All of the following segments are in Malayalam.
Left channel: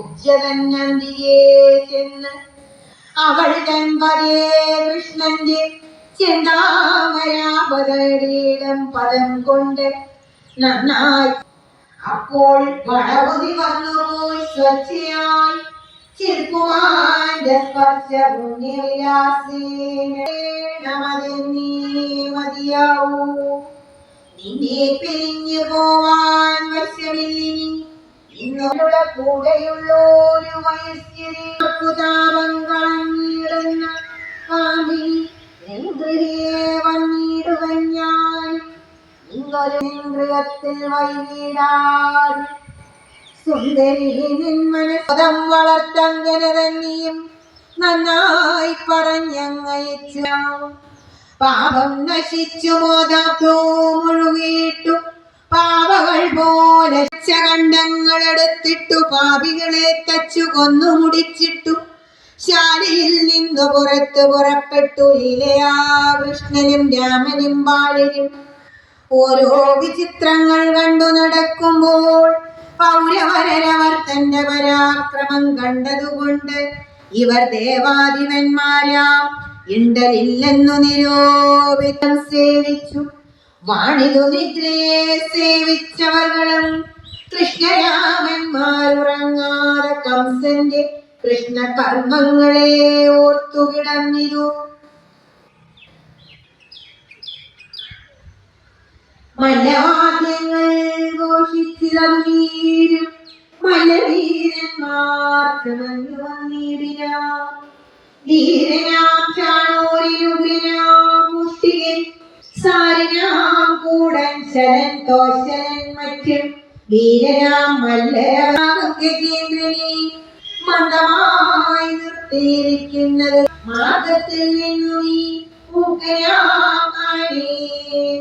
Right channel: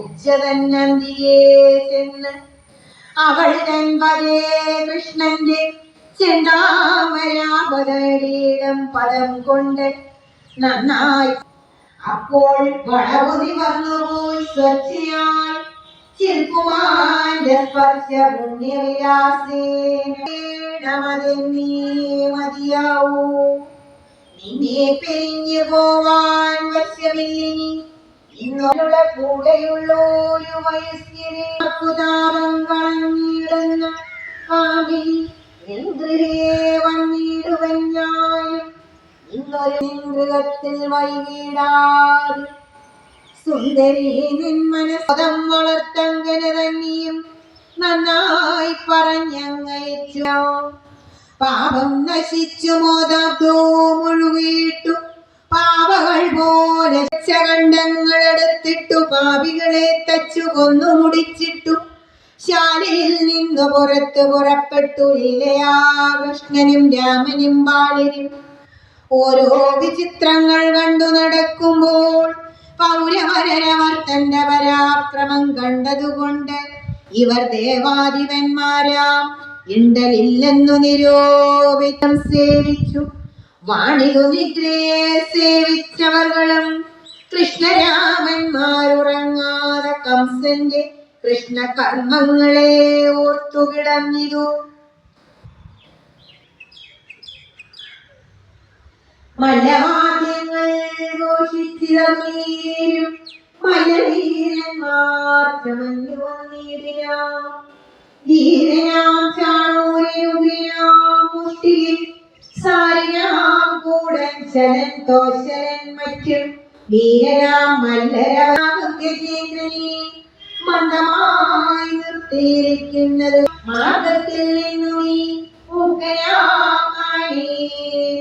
കുബ്ജതന്നന്തിയെ ചെന്ന് അവൾ തൻപതേ കൃഷ്ണന്റെ ചെന്താമരാപതടീടം പദം കൊണ്ട് നന്നായി. അപ്പോൾ വളവുതി വന്നുപോയി സ്വച്ഛയായി ചിൽക്കുമാന്റെ സ്പർശ പുണ്യവിലാസേനമതെന്നീ മതിയാവൂ. നിന്നെ പിരിഞ്ഞു പോവാൻ വശമില്ലിനി ഇന്നോരുടെ കൂടെയുള്ളൊരു വയസ്യരെ താപം കളഞ്ഞിടുന്ന പാമ്പിനി ഇന്ദ്രിയെ വന്നിടുവൻ ഞാനും ഇന്നൊരു മൃഗത്തിൽ വൈകിടാതെ. സുന്ദരി നിന്മനസ്സുതം വളർത്തങ്ങനെ തന്നെയും നന്നായി പറഞ്ഞങ്ങയച്ചു. പാപം നശിച്ചു മോദോ മുഴുകിയിട്ടു പാവകൾ പോലെ കണ്ഡങ്ങളെടുത്തിട്ടു പാപികളെ തച്ചു കൊന്നു മുടിച്ചിട്ടു ശാലയിൽ നിന്നു പുറപ്പെട്ടു ലീലയാ കൃഷ്ണനും രാമനും ബാലരും. ഓരോ വിചിത്രങ്ങൾ കണ്ടു നടക്കുമ്പോൾ പൗരവരവർ തന്റെ പരാക്രമം കണ്ടതുകൊണ്ട് ഇവർ ദേവാധിപന്മാരാം ഇണ്ടലില്ലെന്നു നിരോപിതം സേവിച്ചു. വാണിതു നിദ്രയെ സേവിച്ചവர்களுം കൃഷ്ണരാമന്മാരുറങ്ങാതെ കംസന്റെ കൃഷ്ണകർമ്മങ്ങളെ ഓർത്തുകിടന്നിതു. മല്ലവാദ്യങ്ങൾ ഘോഷിച്ചിറങ്ങീരും മല്ലവീരന്മാർ ചമഞ്ഞു വന്നിടിനാം. ധീരനാം ചാണൂരിനുഗ്രനാം മുഷ്ടികൻ സാരിനാം കൂടൻ ശരൻ തോശരൻ മറ്റും വീരനാം മല്ലരാകും ഗജേന്ദ്രനെ മന്ദമായി നിർത്തിയിരിക്കുന്നത് മാർഗത്തിൽ നിന്നു നീ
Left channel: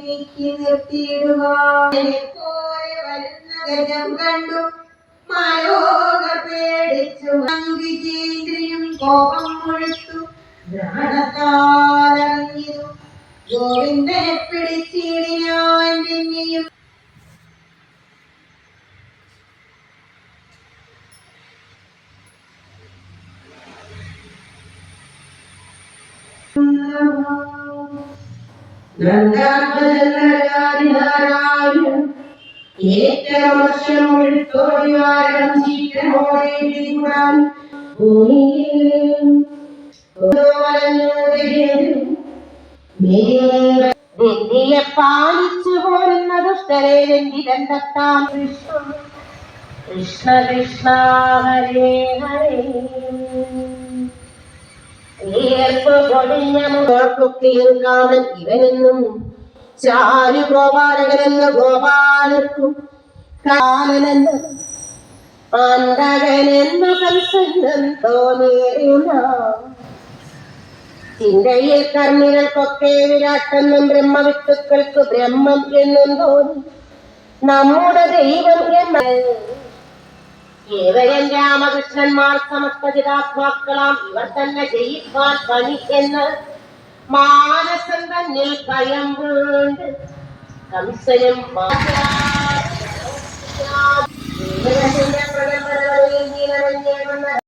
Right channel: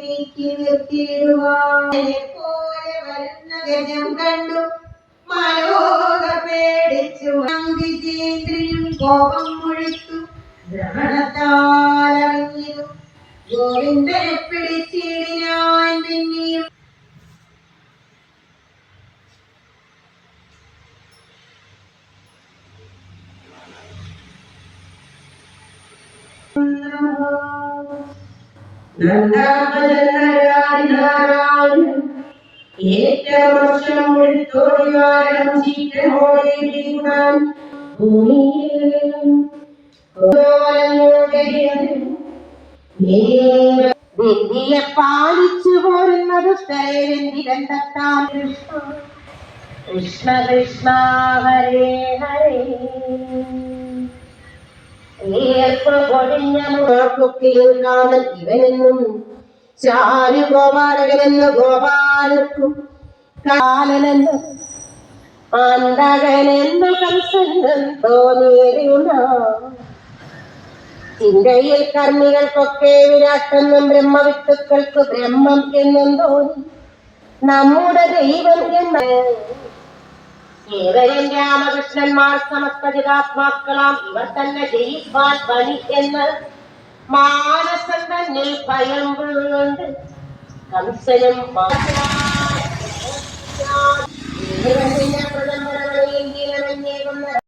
നീക്കി നിർത്തിയിടുവാനെ പോലെ വരുന്ന ഗജം കണ്ടു മലോക പേടിച്ചു. വിജേന്ദ്രനും കോപം മുഴുത്തു ദ്രാണത്താലറിഞ്ഞിരു. ഗോവിന്ദനെ പിടിച്ചിടിനാൻ പിന്നെയും വെന്തിയെ പാലിച്ചു പോരുന്ന ദുഷ്ടരെ വെന്തിരന്തത്താൽ കൃഷ്ണ കൃഷ്ണ ഹരേ ഹരേ. ഏർപ്പ് പൊടിഞ്ഞ മുഖക്കുക്കിയിൽ കാമൻ ഇവനെന്നും ചാരു ഗോപാലകനെന്ന് ഗോപാലർക്കും കാലനെന്ന് അന്തകനെന്നു കംസൻ തോന്നിയറിയുന്ന ചിന്തയിൽ കർമ്മികൾക്കൊക്കെ വിരാട്ടെന്നും ബ്രഹ്മവിത്തുക്കൾക്ക് ബ്രഹ്മം എന്നും തോന്നി നമ്മുടെ ദൈവം എന്ന്. കേവലൻ രാമകൃഷ്ണന്മാർ സമസ്തജിതാത്മാക്കളാം ഇവർ തന്നെ ജയിപ്പാൻ പണി എന്ന് മാനസം തന്നിൽ ഭയം വീണ്ട് കംസനും പ്രഥമ